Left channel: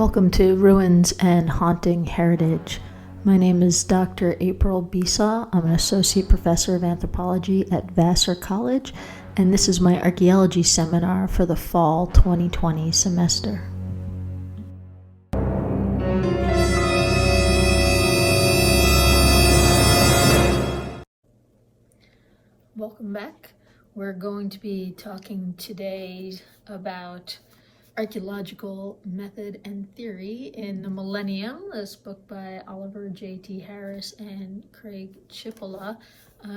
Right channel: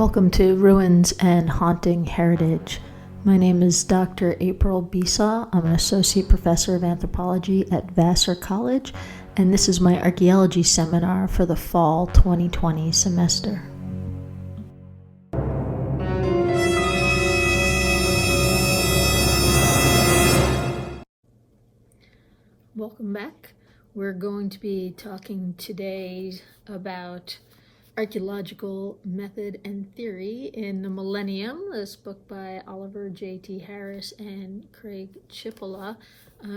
Welcome to Ruins and Haunting Heritage. My name is Dr. April Bisa. I'm an associate professor of anthropology at Vassar College, and this is my archaeology seminar for the fall 2020 semester. Welcome back. We're going to be talking today about Archaeological Method and Theory in the Millennium, this book by Oliver J.T. Harris and Craig Cipolla.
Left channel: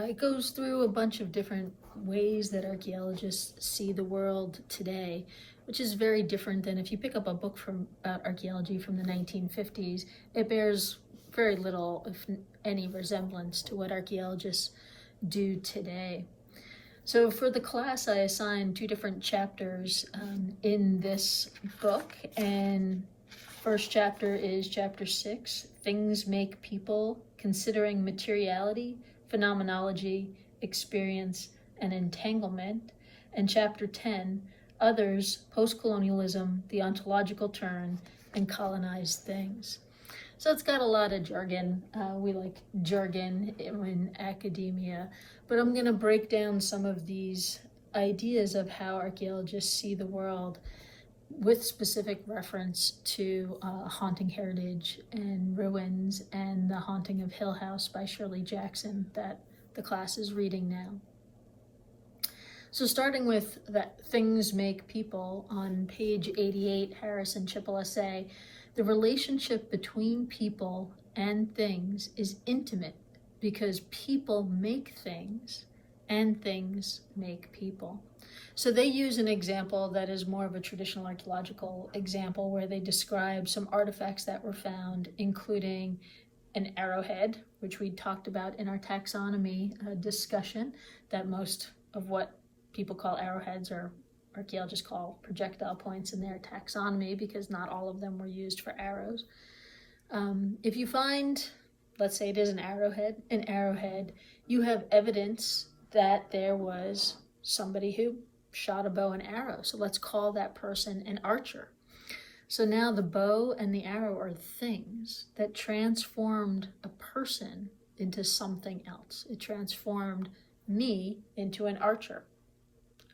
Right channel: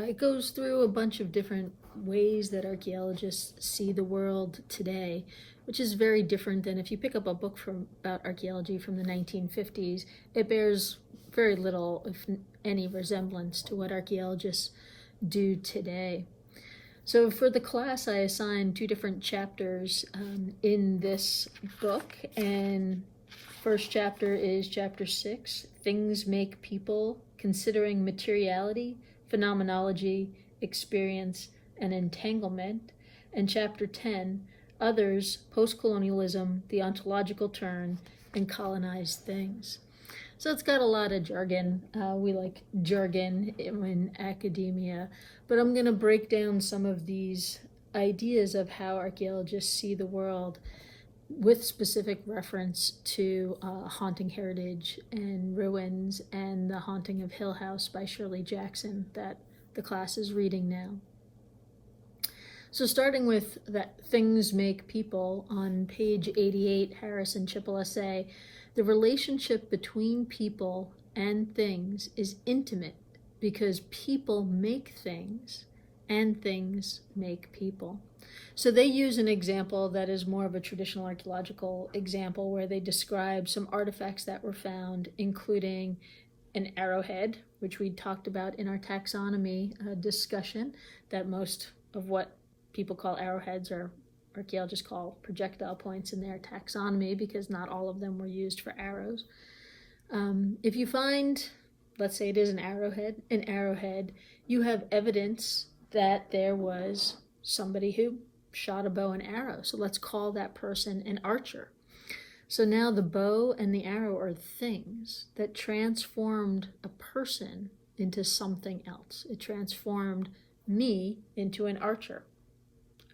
It goes through a bunch of different ways that archaeologists see the world today, which is very different than if you pick up a book about archaeology from the 1950s. It bears very little, if any, resemblance to what archaeologists do today. So for the class, I assigned two different chapters in this book, and first chapter is chapter 6, Things Make People, Considering Materiality, Phenomenology, Experience, and Entanglement, and chapter 10, Others, Postcolonialism, the Ontological Turn, and Colonized Things. So it's got a lot of jargon. We like jargon in academia, but I'm going to break down some of these ideas of how archaeologists see the world with specific reference to Haunting Heritage and Ruins and The Haunting of Hill House by Shirley Jackson that the class is reading now. So starting with that Things Make People, on page 88, Harris and Cipolla say, the relationship between people and things is intimate because people make things and things make people. So they use an example that is more of a traditional archaeological example where they describe some artifacts that were found, including an arrowhead, which we talked about in our taxonomy discussion, that most of what people call arrowheads or archaeologists call projectile points in their taxonomy because not all of them were used for arrows. If you find, let's say it is an arrowhead, you have evidence that there was somebody who shot a bow and arrow. So let's call that person an archer. So now the bow and the arrow are things that transformed a person into something else. It transformed me into an archer.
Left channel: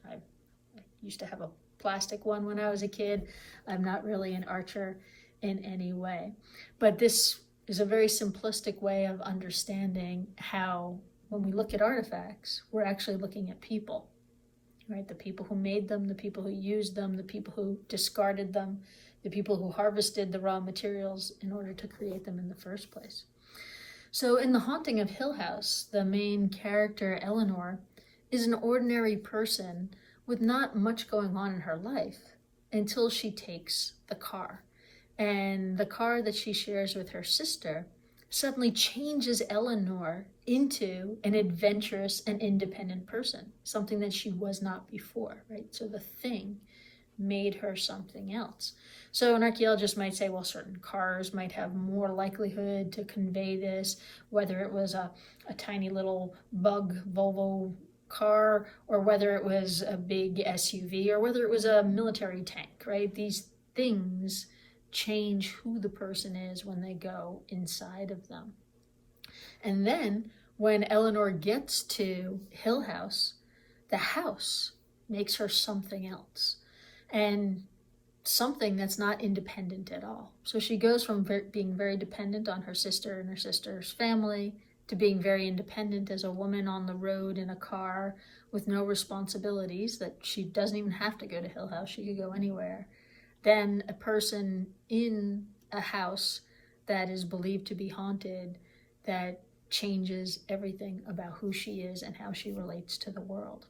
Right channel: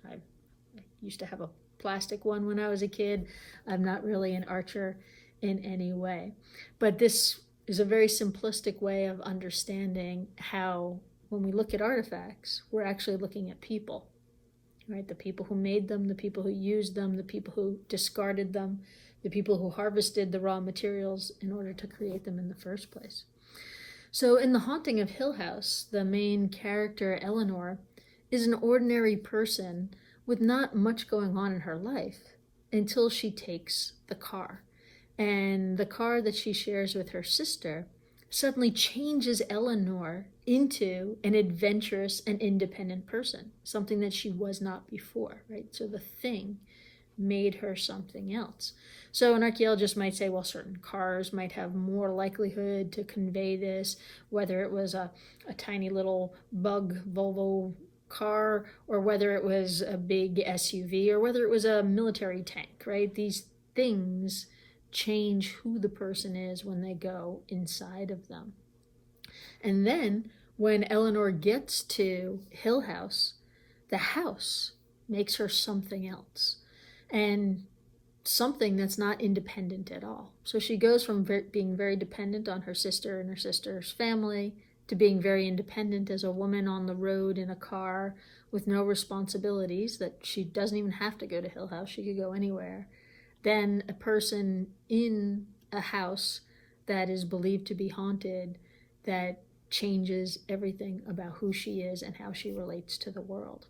I used to have a plastic one when I was a kid. I'm not really an archer in any way. But this is a very simplistic way of understanding how, when we look at artifacts, we're actually looking at people, right? The people who made them, the people who used them, the people who discarded them, the people who harvested the raw materials in order to create them in the first place. So in The Haunting of Hill House, the main character, Eleanor, is an ordinary person with not much going on in her life until she takes the car. And the car that she shares with her sister suddenly changes Eleanor into an adventurous and independent person, something that she was not before, right? So the thing made her something else. So an archaeologist might say, well, certain cars might have more likelihood to convey this, whether it was a tiny little bug Volvo car, or whether it was a big SUV, or whether it was a military tank, right? These things change who the person is when they go inside of them. And then when Eleanor gets to Hill House, the house makes her something else, and something that's not independent at all. So she goes from being very dependent on her sister and her sister's family to being very independent as a woman on the road in a car with no responsibilities, that she doesn't even have to go to Hill House, she could go anywhere. Then a person in a house that is believed to be haunted, that changes everything about who she is and how she relates to the world.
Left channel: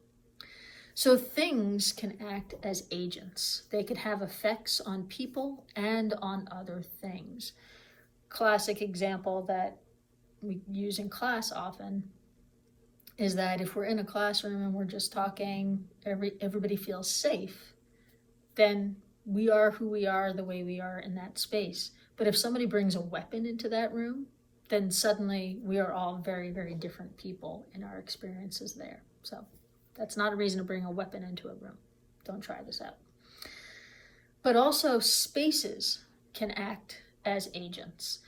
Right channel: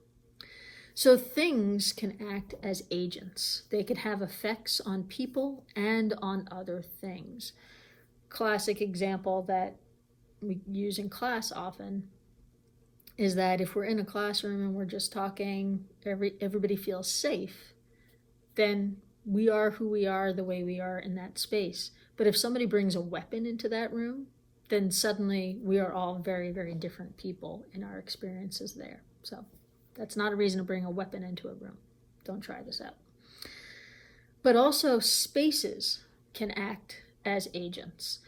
So things can act as agents. They can have effects on people and on other things. Classic example that we use in class often is that if we're in a classroom and we're just talking, everybody feels safe, then we are who we are the way we are in that space. But if somebody brings a weapon into that room, then suddenly we are all very, very different people in our experiences there. So that's not a reason to bring a weapon into a room. Don't try this out. But also spaces can act as agents.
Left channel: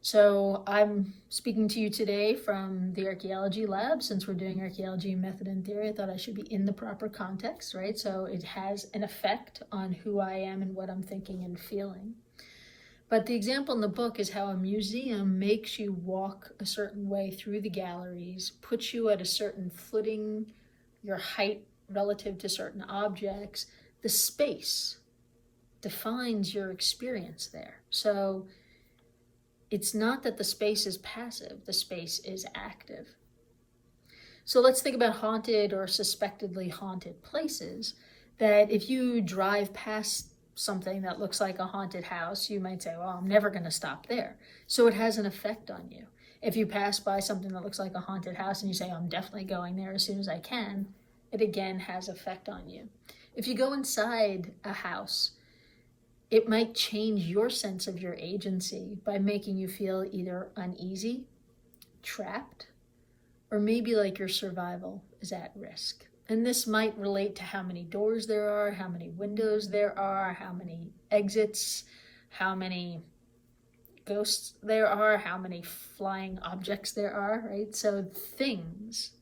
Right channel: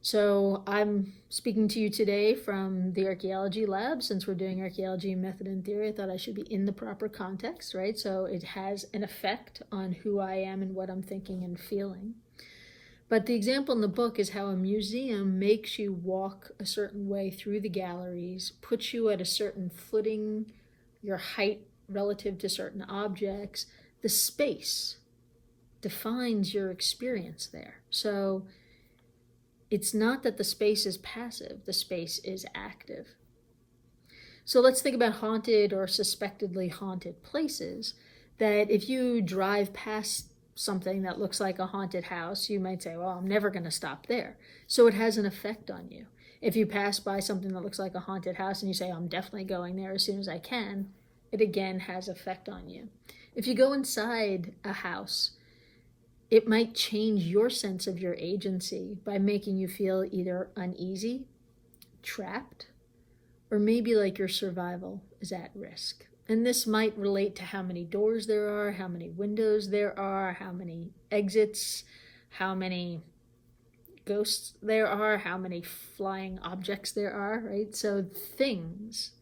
So I'm speaking to you today from the archaeology lab. Since we're doing archaeology method and theory, I thought I should be in the proper context, right? So it has an effect on who I am and what I'm thinking and feeling. But the example in the book is how a museum makes you walk a certain way through the galleries, puts you at a certain footing, your height relative to certain objects. The space defines your experience there. So it's not that the space is passive, the space is active. So let's think about haunted or suspectedly haunted places, that if you drive past something that looks like a haunted house, you might say, well, I'm never going to stop there. So it has an effect on you. If you pass by something that looks like a haunted house and you say, I'm definitely going there as soon as I can, it again has effect on you. If you go inside a house, it might change your sense of your agency by making you feel either uneasy, trapped, or maybe like your survival is at risk. And this might relate to how many doors there are, how many windows there are, how many exits, how many ghosts there are, how many flying objects there are, right? So things,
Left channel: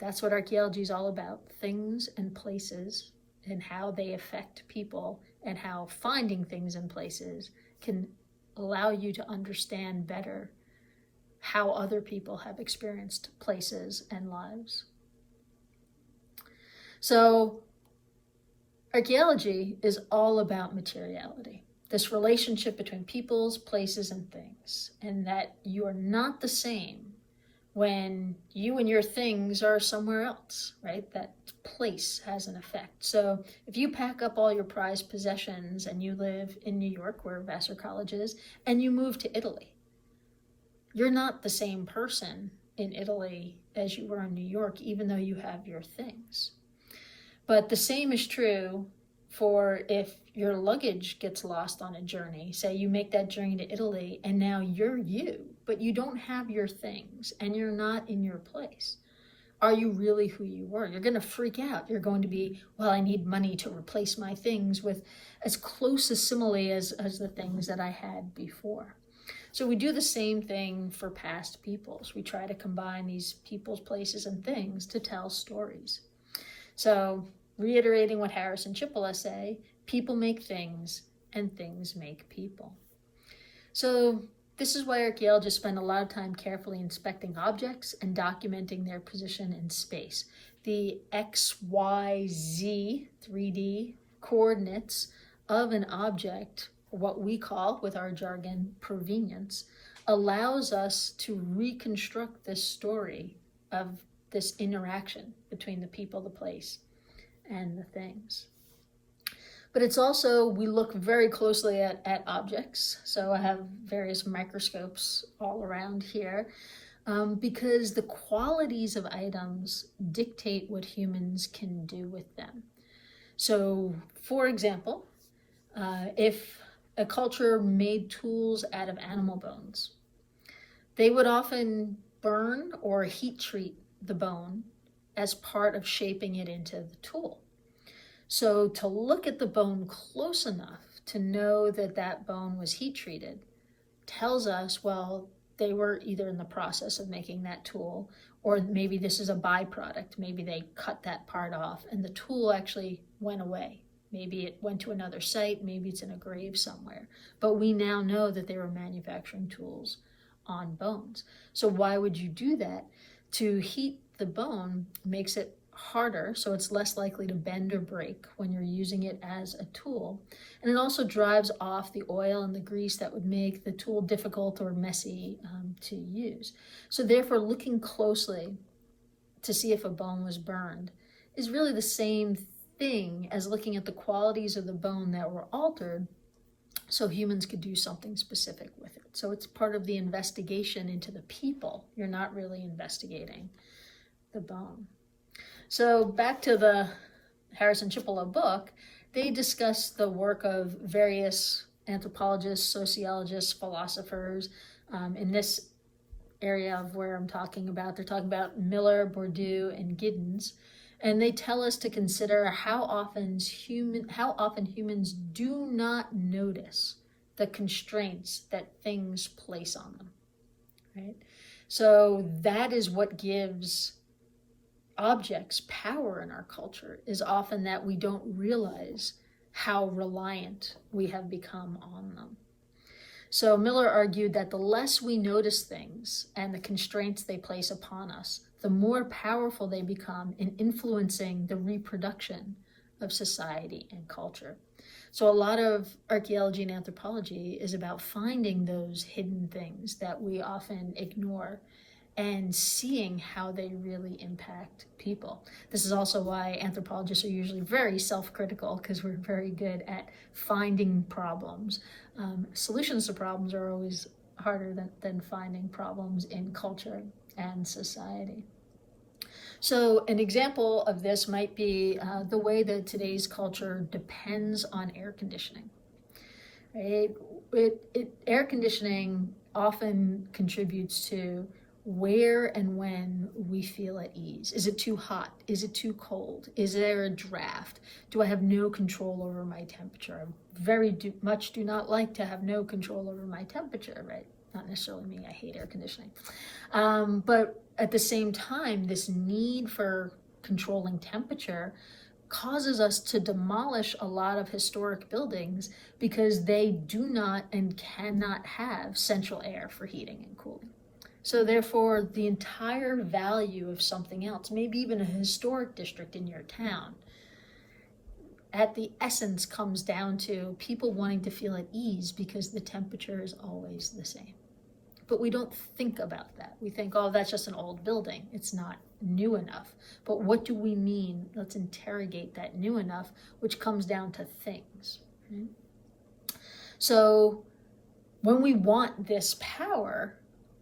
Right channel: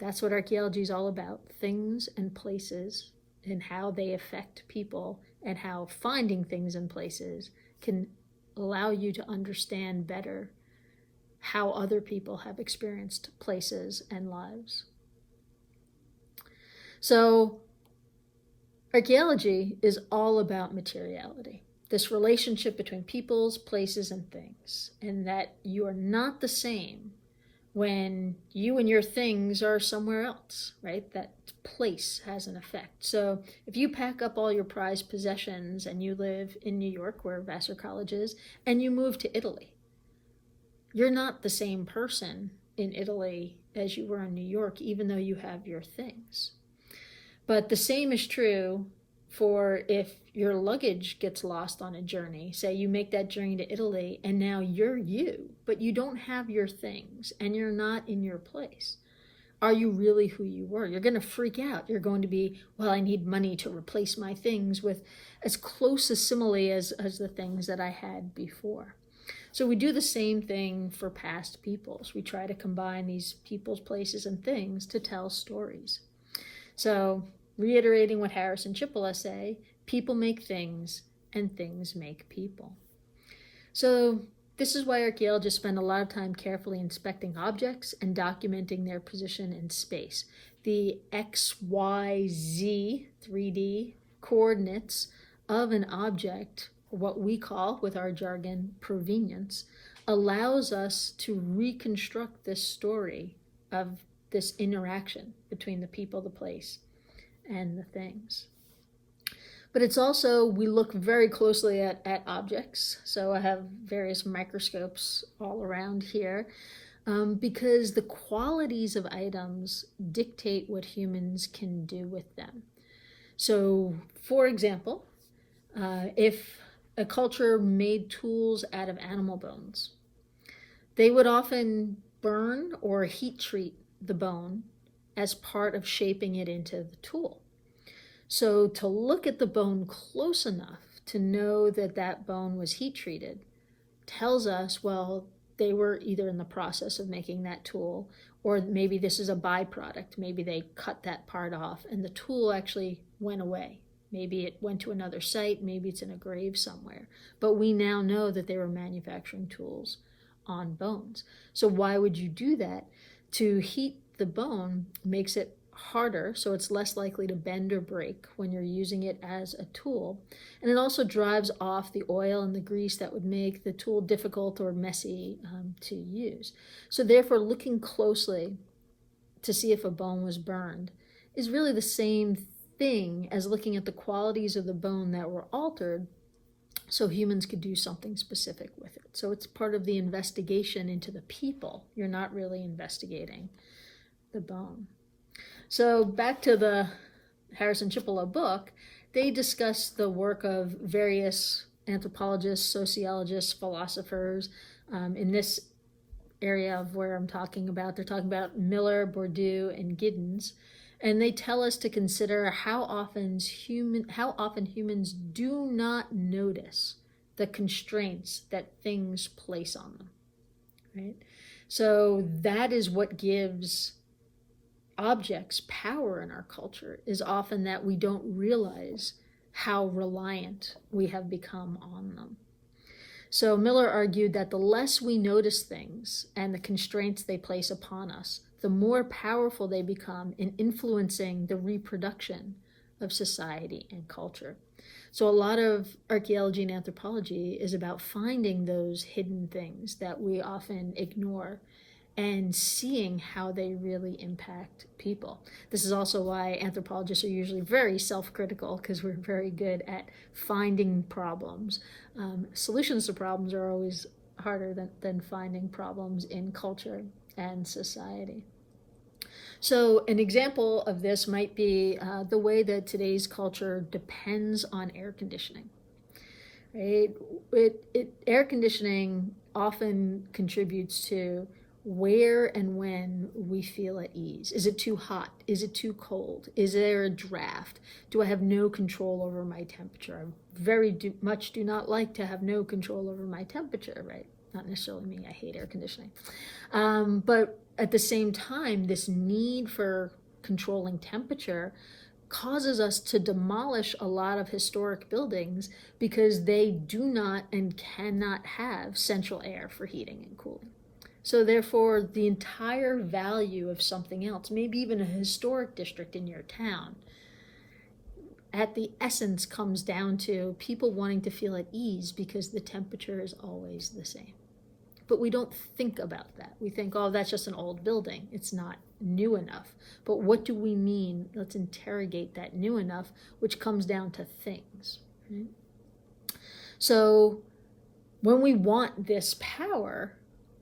that's what archaeology is all about. Things and places and how they affect people, and how finding things and places can allow you to understand better how other people have experienced places and lives. So archaeology is all about materiality, this relationship between peoples, places, and things, and that you are not the same when you and your things are somewhere else, right? That place has an effect. So if you pack up all your prized possessions and you live in New York, where Vassar College is, and you move to Italy, you're not the same person in Italy as you were in New York, even though you have your things. But the same is true for if your luggage gets lost on a journey. Say you make that journey to Italy and now you're you, but you don't have your things and you're not in your place. Are you really who you were? You're going to freak out. You're going to be, well, I need money to replace my things with as close a simile as the things that I had before. So we do the same thing for past peoples. We try to combine these peoples, places, and things to tell stories. So, reiterating what Harris and Cipolla say, people make things and things make people. So, this is why archaeologists spend a lot of time carefully inspecting objects and documenting their position in space. The X, Y, Z 3D coordinates of an object, what we call, with our jargon, provenience, allows us to reconstruct this story of this interaction between the people, the place, and the things. But it's also, we look very closely at objects. So I have various microscopes all around here because the qualities of items dictate what humans can do with them. So, for example, if a culture made tools out of animal bones, they would often burn or heat treat the bone as part of shaping it into the tool. So to look at the bone close enough to know that that bone was heat treated tells us, well, they were either in the process of making that tool, or maybe this is a byproduct. Maybe they cut that part off and the tool actually went away. Maybe it went to another site, maybe it's in a grave somewhere. But we now know that they were manufacturing tools on bones. So why would you do that? To heat the bone makes it harder, so it's less likely to bend or break when you're using it as a tool. And it also drives off the oil and the grease that would make the tool difficult or messy to use. So therefore, looking closely to see if a bone was burned is really the same thing as looking at the qualities of the bone that were altered so humans could do something specific with it. So it's part of the investigation into the people. You're not really investigating the bone. So back to the Harris and Cipolla book, they discuss the work of various anthropologists, sociologists, philosophers. In this area of where I'm talking about, they're talking about Miller, Bourdieu, and Giddens. And they tell us to consider how often humans do not notice the constraints that things place on them, right? So that is what gives objects power in our culture, is often that we don't realize how reliant we have become on them. So Miller argued that the less we notice things and the constraints they place upon us, the more powerful they become in influencing the reproduction of society and culture. So a lot of archaeology and anthropology is about finding those hidden things that we often ignore and seeing how they really impact people. This is also why anthropologists are usually very self-critical, because we're very good at finding problems. Solutions to problems are always harder than finding problems in culture and society. So an example of this might be the way that today's culture depends on air conditioning. Right? Air conditioning often contributes to where and when we feel at ease. Is it too hot? Is it too cold? Is there a draft? Do I have no control over my temperature? I very much do not like to have no control over my temperature, right? Not necessarily me, I hate air conditioning. But at the same time, this need for controlling temperature causes us to demolish a lot of historic buildings because they do not and cannot have central air for heating and cooling. So therefore, the entire value of something else, maybe even a historic district in your town, at the essence comes down to people wanting to feel at ease because the temperature is always the same. But we don't think about that. We think, oh, that's just an old building. It's not new enough. But what do we mean? Let's interrogate that new enough, which comes down to things. Right? So when we want this power,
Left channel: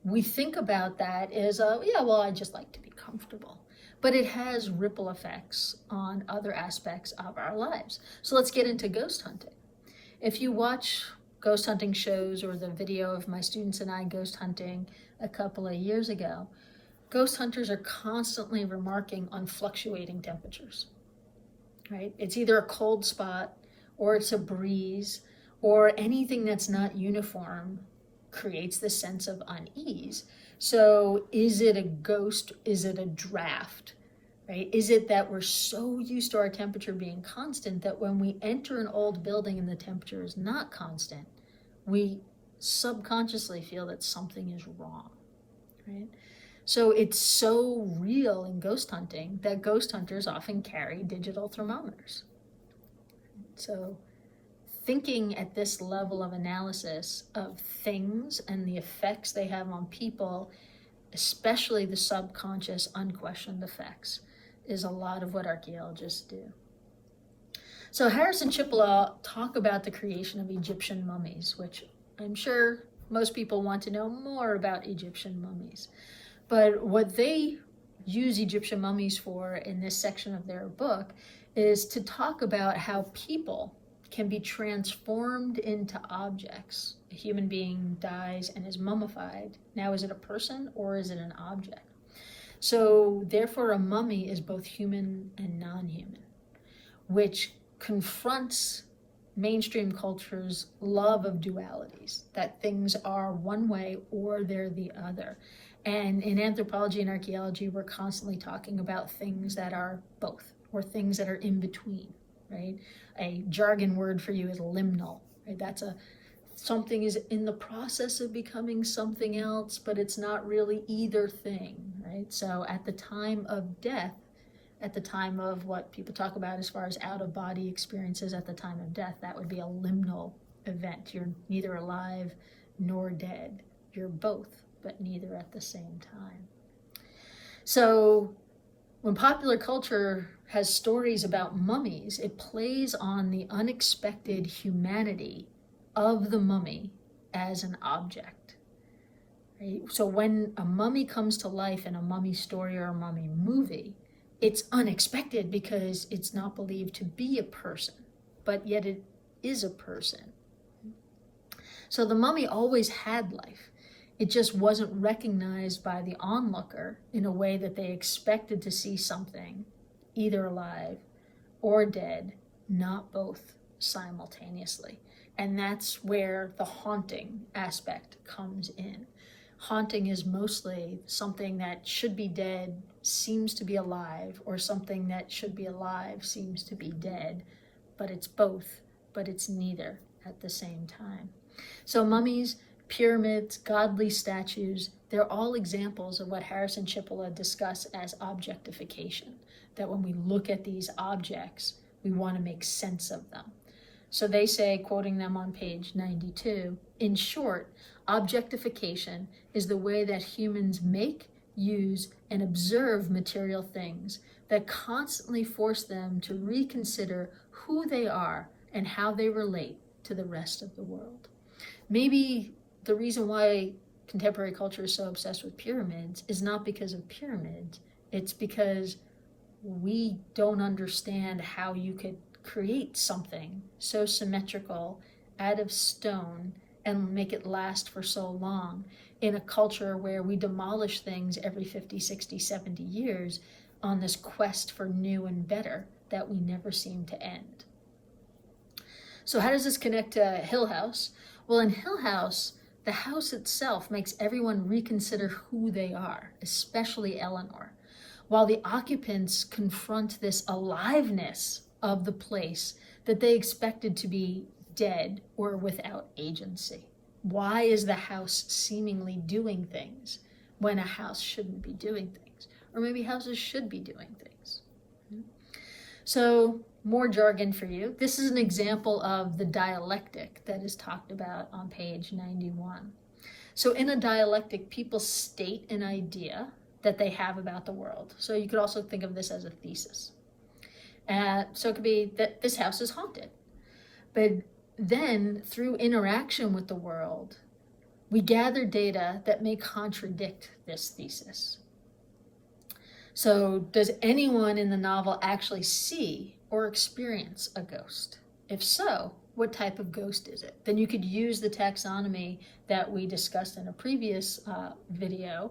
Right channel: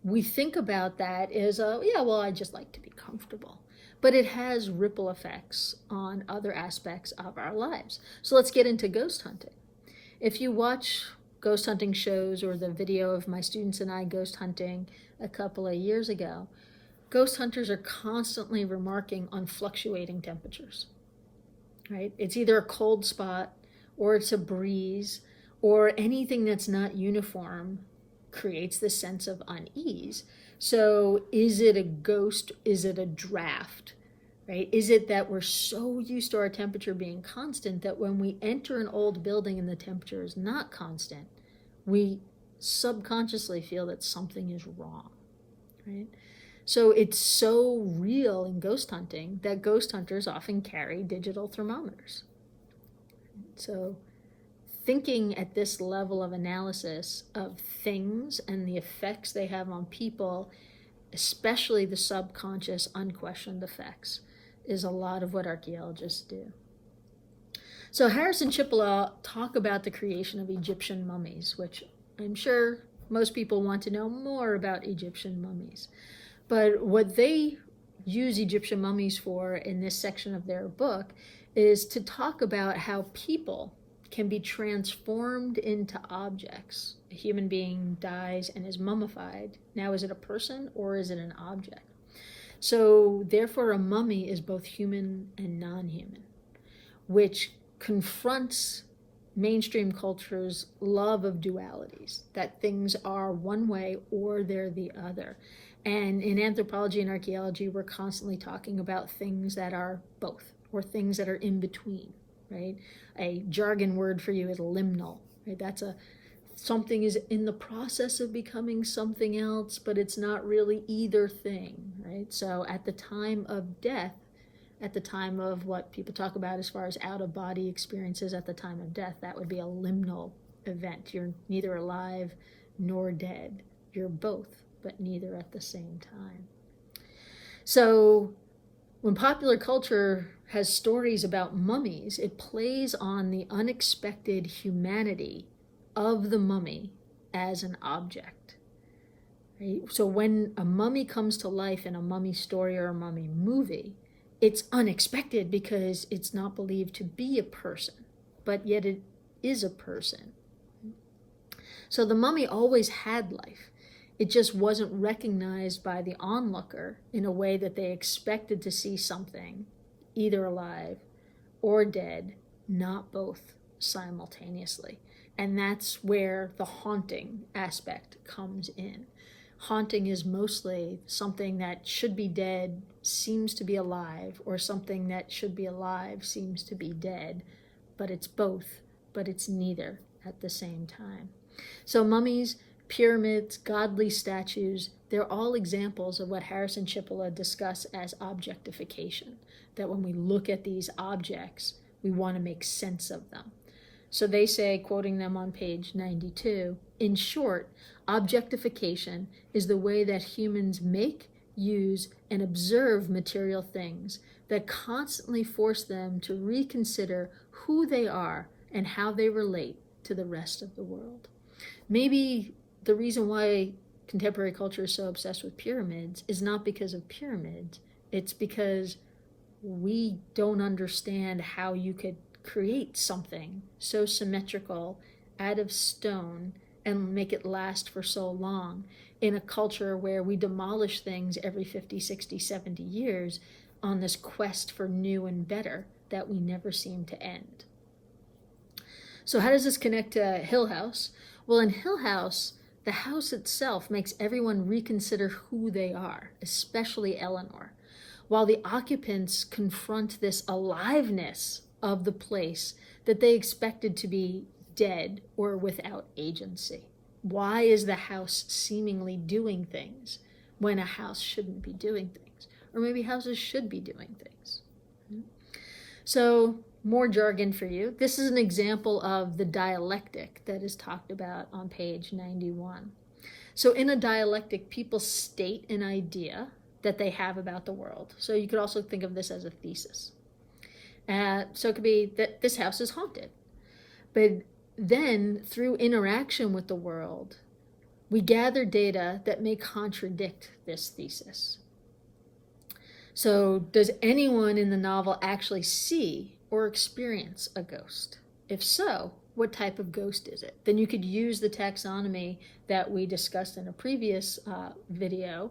we think about that as, yeah, well, I just like to be comfortable. But it has ripple effects on other aspects of our lives. So let's get into ghost hunting. If you watch ghost hunting shows or the video of my students and I ghost hunting a couple of years ago, ghost hunters are constantly remarking on fluctuating temperatures, right? It's either a cold spot or it's a breeze or anything that's not uniform creates this sense of unease. So is it a ghost? Is it a draft? Right? Is it that we're so used to our temperature being constant that when we enter an old building and the temperature is not constant, we subconsciously feel that something is wrong, right? So it's so real in ghost hunting that ghost hunters often carry digital thermometers. So thinking at this level of analysis of things and the effects they have on people, especially the subconscious, unquestioned effects, is a lot of what archaeologists do. So Harris and Cipolla talk about the creation of Egyptian mummies, which I'm sure most people want to know more about Egyptian mummies. But what they use Egyptian mummies for in this section of their book is to talk about how people can be transformed into objects. A human being dies and is mummified. Now, is it a person or is it an object? So therefore, a mummy is both human and non-human, which confronts mainstream culture's love of dualities, that things are one way or they're the other. And in anthropology and archaeology, we're constantly talking about things that are both, or things that are in between, right? A jargon word for you is liminal, right? That's something is in the process of becoming something else, but it's not really either thing, right? So at the time of death, at the time of what people talk about as far as out-of-body experiences at the time of death, that would be a liminal event. You're neither alive nor dead. You're both, but neither at the same time. So when popular culture has stories about mummies, it plays on the unexpected humanity of the mummy as an object. Right? So when a mummy comes to life in a mummy story or a mummy movie, it's unexpected because it's not believed to be a person, but yet it is a person. So the mummy always had life. It just wasn't recognized by the onlooker in a way that they expected to see something either alive or dead, not both simultaneously. And that's where the haunting aspect comes in. Haunting is mostly something that should be dead seems to be alive, or something that should be alive seems to be dead. But it's both, but it's neither at the same time. So mummies, pyramids, godly statues, they're all examples of what Harris and Cipolla discuss as objectification. That when we look at these objects, we want to make sense of them. So they say, quoting them on page 92, in short, objectification is the way that humans make, use, and observe material things that constantly force them to reconsider who they are and how they relate to the rest of the world. Maybe the reason why contemporary culture is so obsessed with pyramids is not because of pyramids, it's because we don't understand how you could create something so symmetrical out of stone and make it last for so long in a culture where we demolish things every 50, 60, 70 years on this quest for new and better that we never seem to end. So how does this connect to Hill House? Well, in Hill House, the house itself makes everyone reconsider who they are, especially Eleanor, while the occupants confront this aliveness of the place that they expected to be dead or without agency. Why is the house seemingly doing things when a house shouldn't be doing things? Or maybe houses should be doing things. So, more jargon for you. This is an example of the dialectic that is talked about on page 91. So in a dialectic, people state an idea that they have about the world. So you could also think of this as a thesis. So it could be that this house is haunted. But then, through interaction with the world, we gather data that may contradict this thesis. So does anyone in the novel actually see or experience a ghost? If so, what type of ghost is it? Then you could use the taxonomy that we discussed in a previous video,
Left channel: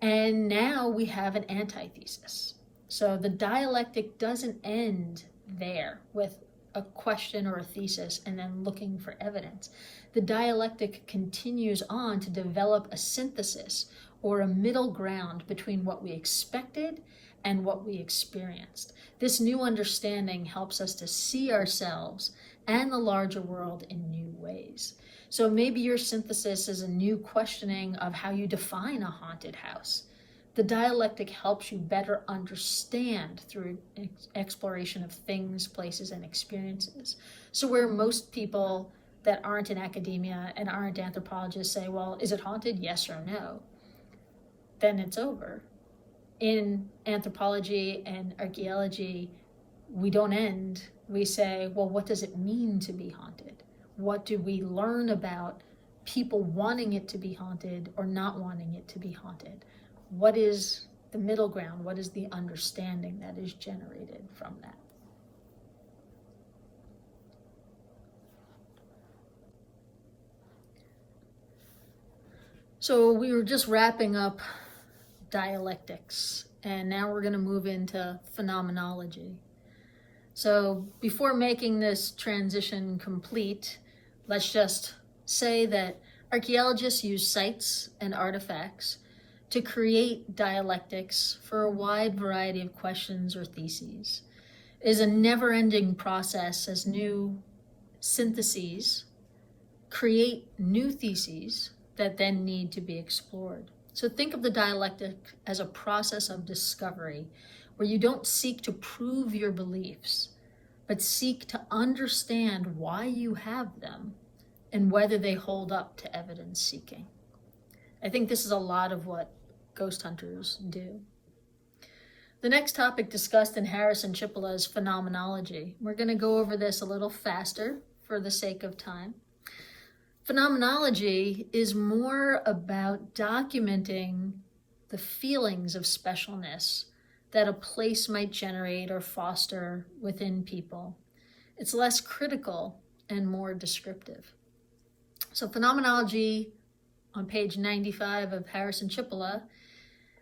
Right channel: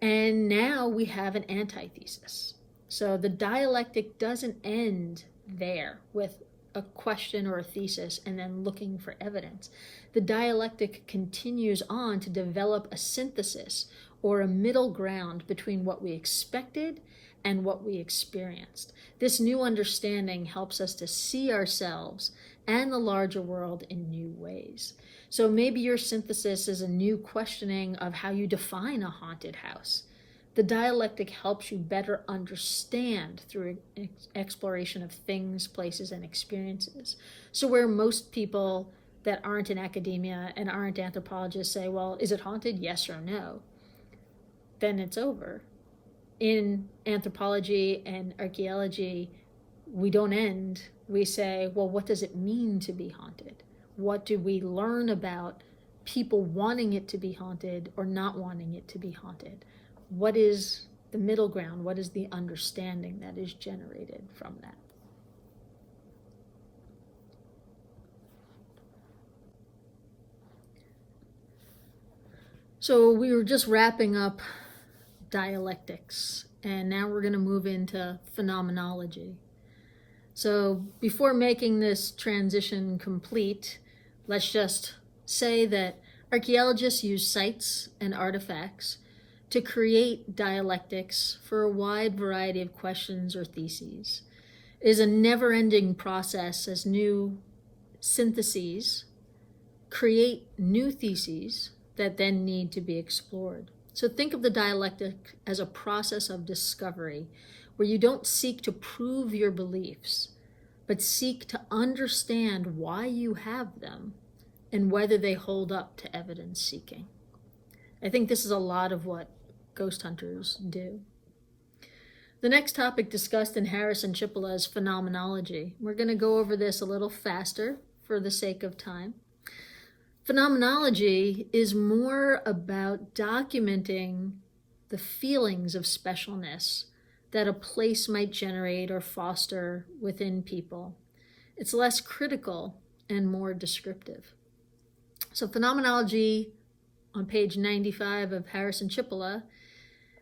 and now we have an antithesis. So the dialectic doesn't end there with a question or a thesis and then looking for evidence. The dialectic continues on to develop a synthesis or a middle ground between what we expected and what we experienced. This new understanding helps us to see ourselves and the larger world in new ways. So maybe your synthesis is a new questioning of how you define a haunted house. The dialectic helps you better understand through exploration of things, places, and experiences. So where most people that aren't in academia and aren't anthropologists say, well, is it haunted? Yes or no? Then it's over. In anthropology and archaeology, we don't end. We say, well, what does it mean to be haunted? What do we learn about people wanting it to be haunted or not wanting it to be haunted? What is the middle ground? What is the understanding that is generated from that? So we were just wrapping up dialectics, and now we're going to move into phenomenology. So before making this transition complete, let's just say that archaeologists use sites and artifacts to create dialectics for a wide variety of questions or theses. It is a never-ending process as new syntheses create new theses that then need to be explored. So think of the dialectic as a process of discovery where you don't seek to prove your beliefs, but seek to understand why you have them and whether they hold up to evidence seeking. I think this is a lot of what ghost hunters do. The next topic discussed in Harris and Cipolla is phenomenology. We're going to go over this a little faster for the sake of time. Phenomenology is more about documenting the feelings of specialness that a place might generate or foster within people. It's less critical and more descriptive. So phenomenology, on page 95 of Harris and Cipolla,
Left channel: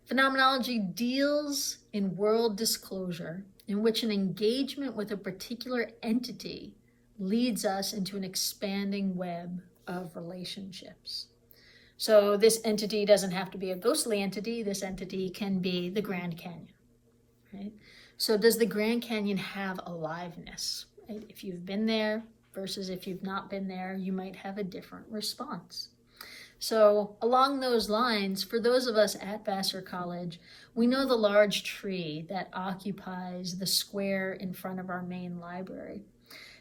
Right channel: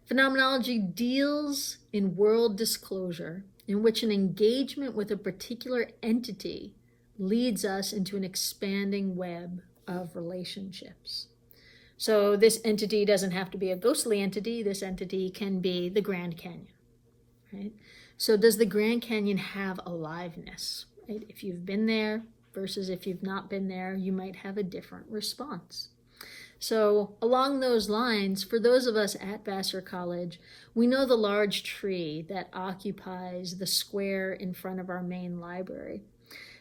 phenomenology deals in world disclosure, in which an engagement with a particular entity leads us into an expanding web of relationships. So this entity doesn't have to be a ghostly entity. This entity can be the Grand Canyon, right? So does the Grand Canyon have aliveness? Right? If you've been there versus if you've not been there, you might have a different response. So along those lines, for those of us at Vassar College, we know the large tree that occupies the square in front of our main library.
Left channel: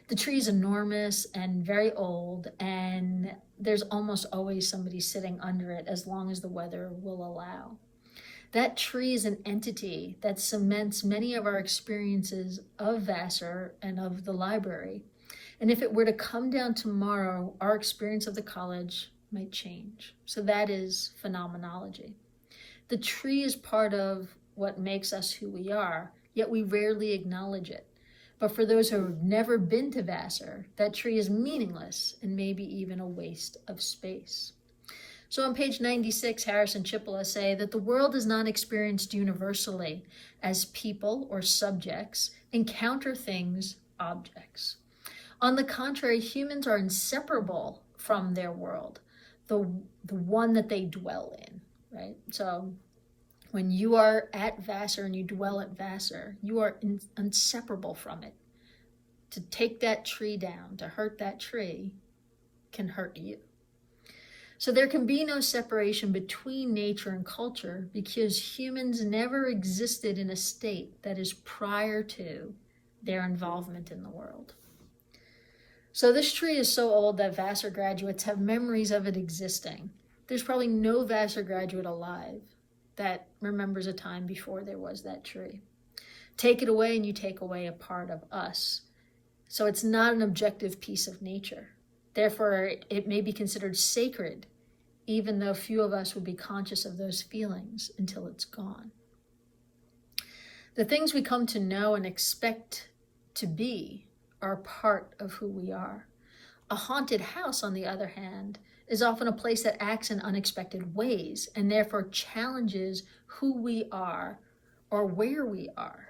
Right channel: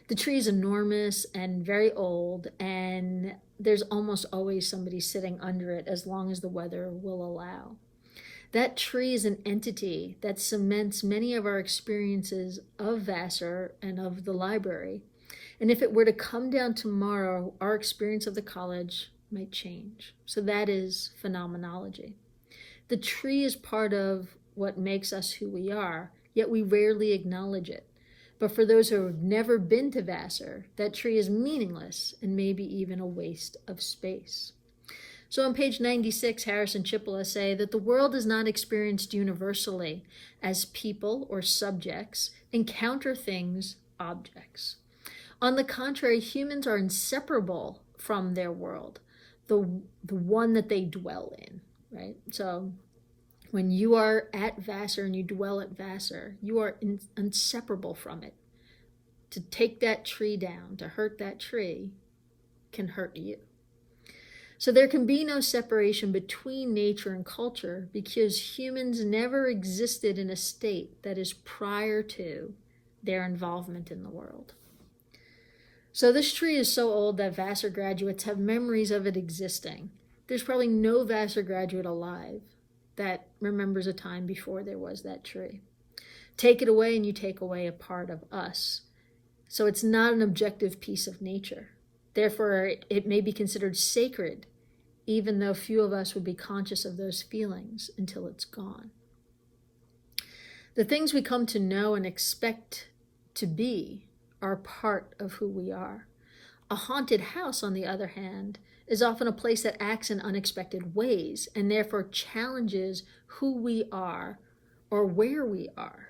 The tree is enormous and very old, and there's almost always somebody sitting under it as long as the weather will allow. That tree is an entity that cements many of our experiences of Vassar and of the library. And if it were to come down tomorrow, our experience of the college might change. So that is phenomenology. The tree is part of what makes us who we are, yet we rarely acknowledge it. But for those who have never been to Vassar, that tree is meaningless and maybe even a waste of space. So on page 96, Harris and Cipolla say that the world is not experienced universally as people or subjects encounter things, objects. On the contrary, humans are inseparable from their world, the one that they dwell in, right? So when you are at Vassar and you dwell at Vassar, you are inseparable from it. To take that tree down, to hurt that tree, can hurt you. So there can be no separation between nature and culture because humans never existed in a state that is prior to their involvement in the world. So this tree is so old that Vassar graduates have memories of it existing. There's probably no Vassar graduate alive that remembers a time before there was that tree. Take it away and you take away a part of us. So it's not an objective piece of nature. Therefore, it may be considered sacred, even though few of us would be conscious of those feelings until it's gone. The things we come to know and expect to be are part of who we are. A haunted house, on the other hand, is often a place that acts in unexpected ways and therefore challenges who we are or where we are.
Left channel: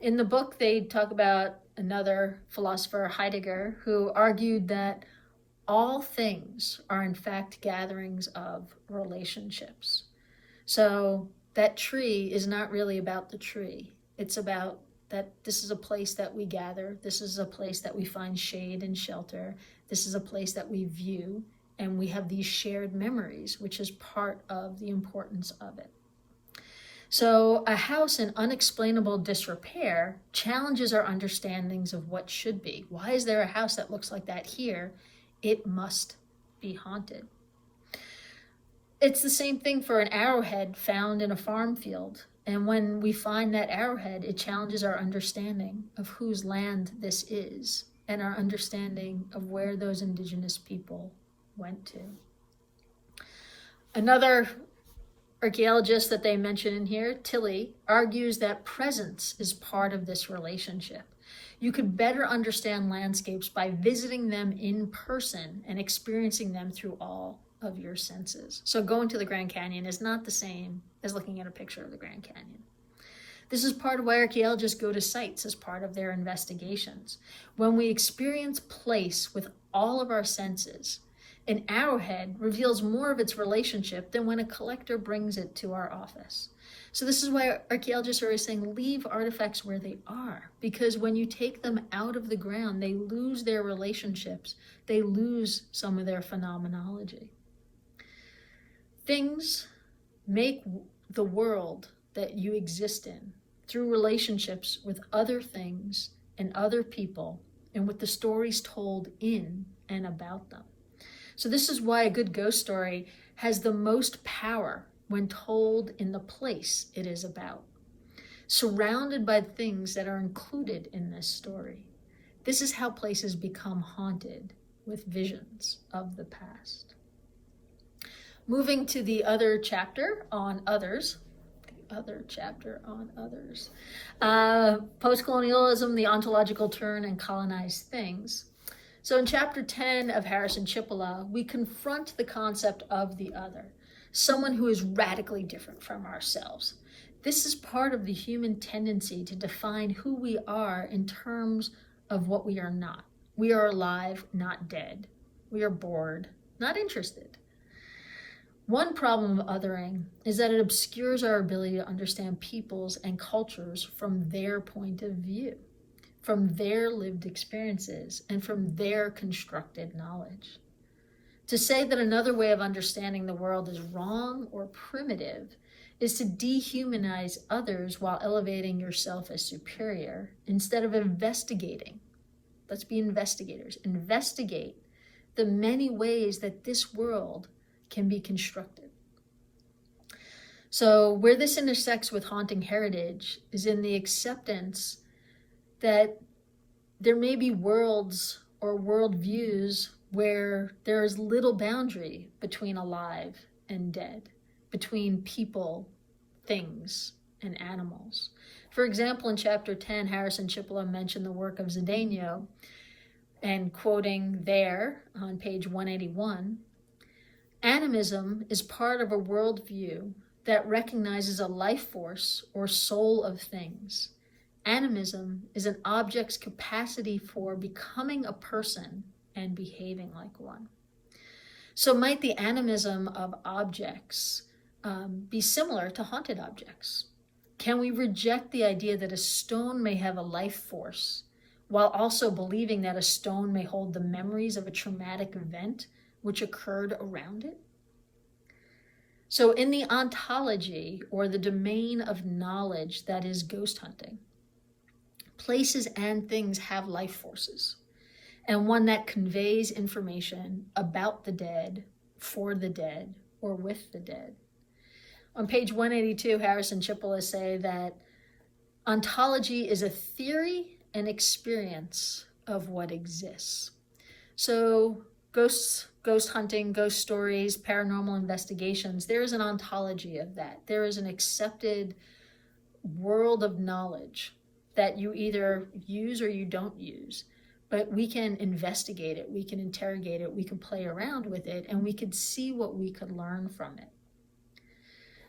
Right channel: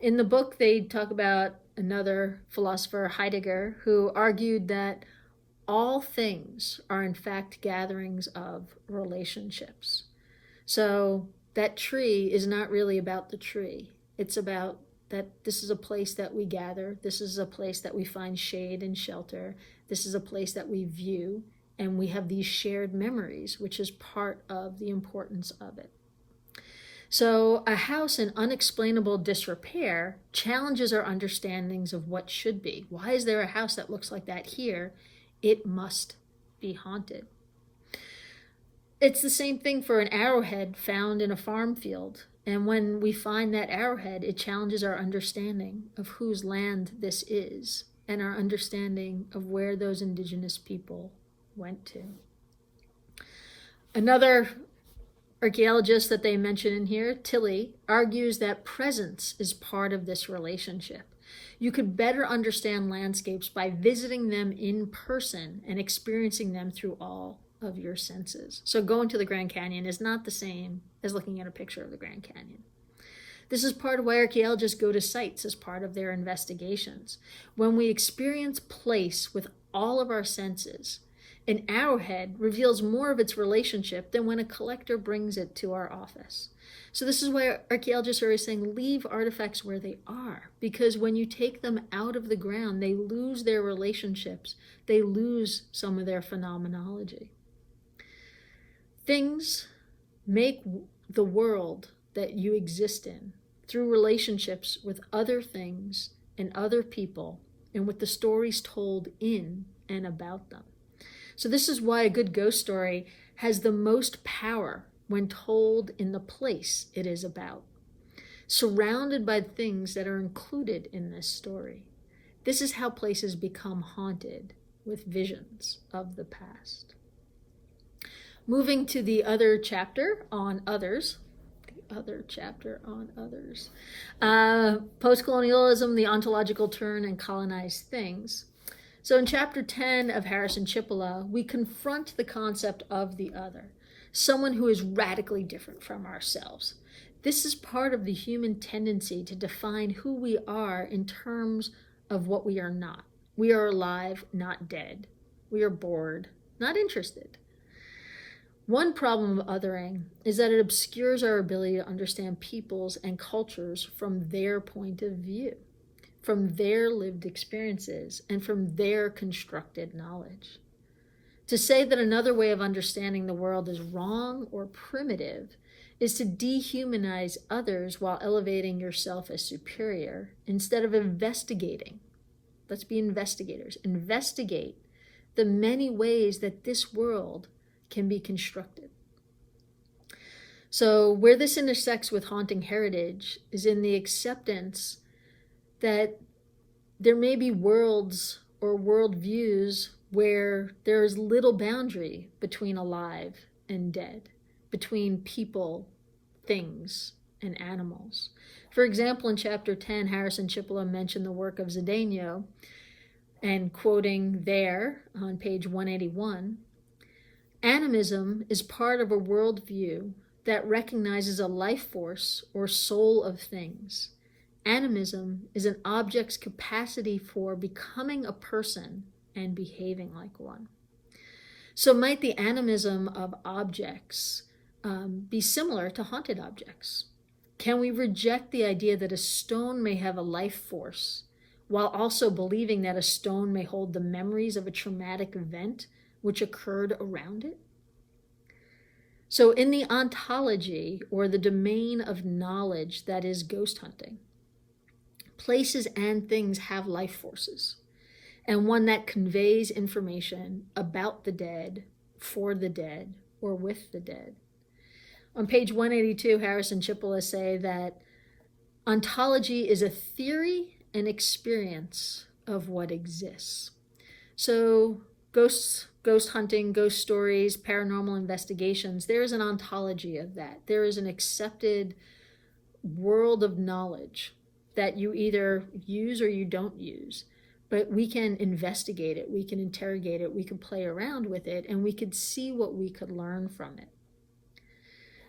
In the book, they talk about another philosopher, Heidegger, who argued that all things are in fact gatherings of relationships. So that tree is not really about the tree. It's about that this is a place that we gather. This is a place that we find shade and shelter. This is a place that we view, and we have these shared memories, which is part of the importance of it. So a house in unexplainable disrepair challenges our understandings of what should be. Why is there a house that looks like that here? It must be haunted. It's the same thing for an arrowhead found in a farm field. And when we find that arrowhead, it challenges our understanding of whose land this is and our understanding of where those indigenous people went to. Another archaeologist that they mention in here, Tilly, argues that presence is part of this relationship. You could better understand landscapes by visiting them in person and experiencing them through all of your senses. So going to the Grand Canyon is not the same as looking at a picture of the Grand Canyon. This is part of why archaeologists go to sites as part of their investigations. When we experience place with all of our senses, an arrowhead reveals more of its relationship than when a collector brings it to our office. So this is why archaeologists are always saying, leave artifacts where they are, because when you take them out of the ground, they lose their relationships. They lose some of their phenomenology. Things make the world that you exist in through relationships with other things and other people and with the stories told in and about them. So this is why a good ghost story has the most power when told in the place it is about, surrounded by things that are included in this story. This is how places become haunted with visions of the past. Moving to the other chapter on others. Post-colonialism, the ontological turn, and colonized things. So in chapter 10 of Harris and Cipolla, we confront the concept of the other, someone who is radically different from ourselves. This is part of the human tendency to define who we are in terms of what we are not. We are alive, not dead. We are bored, not interested. One problem of othering is that it obscures our ability to understand peoples and cultures from their point of view, from their lived experiences, and from their constructed knowledge. To say that another way of understanding the world is wrong or primitive is to dehumanize others while elevating yourself as superior instead of investigating. Let's be investigators. Investigate the many ways that this world can be constructed. So where this intersects with haunting heritage is in the acceptance that there may be worlds or worldviews where there is little boundary between alive and dead, between people, things, and animals. For example, in chapter 10, Harris and Cipolla mention the work of Zdenio, and quoting there on page 181, animism is part of a worldview that recognizes a life force or soul of things. Animism is an object's capacity for becoming a person and behaving like one. So might the animism of objects be similar to haunted objects? Can we reject the idea that a stone may have a life force while also believing that a stone may hold the memories of a traumatic event which occurred around it? So in the ontology, or the domain of knowledge that is ghost hunting, places and things have life forces, and one that conveys information about the dead, for the dead, or with the dead. On page 182, Harris and Cipolla say that ontology is a theory and experience of what exists. So ghost hunting, ghost stories, paranormal investigations, there is an ontology of that. There is an accepted world of knowledge that you either use or you don't use. But we can investigate it, we can interrogate it, we can play around with it, and we could see what we could learn from it.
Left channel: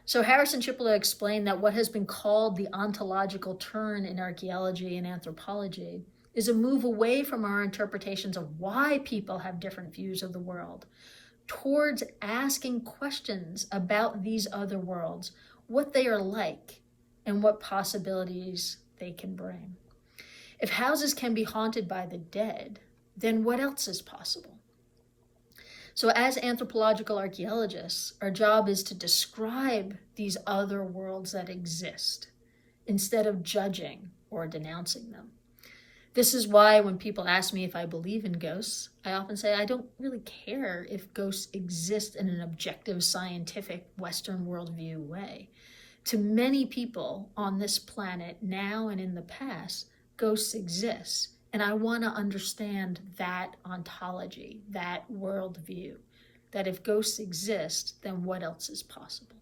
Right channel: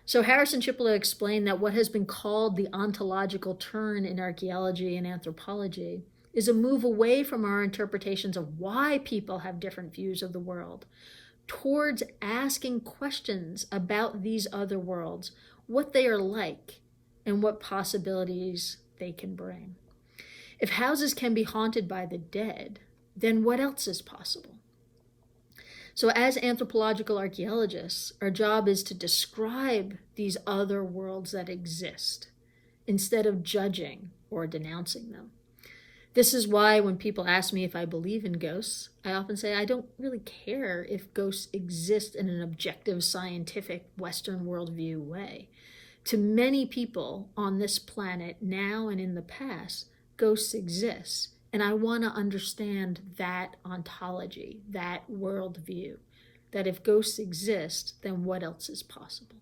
So Harris and Cipolla explain that what has been called the ontological turn in archaeology and anthropology is a move away from our interpretations of why people have different views of the world, towards asking questions about these other worlds, what they are like, and what possibilities they can bring. If houses can be haunted by the dead, then what else is possible? So as anthropological archaeologists, our job is to describe these other worlds that exist, instead of judging or denouncing them. This is why when people ask me if I believe in ghosts, I often say I don't really care if ghosts exist in an objective, scientific, Western worldview way. To many people on this planet, now and in the past, ghosts exist, and I want to understand that ontology, that worldview, that if ghosts exist, then what else is possible?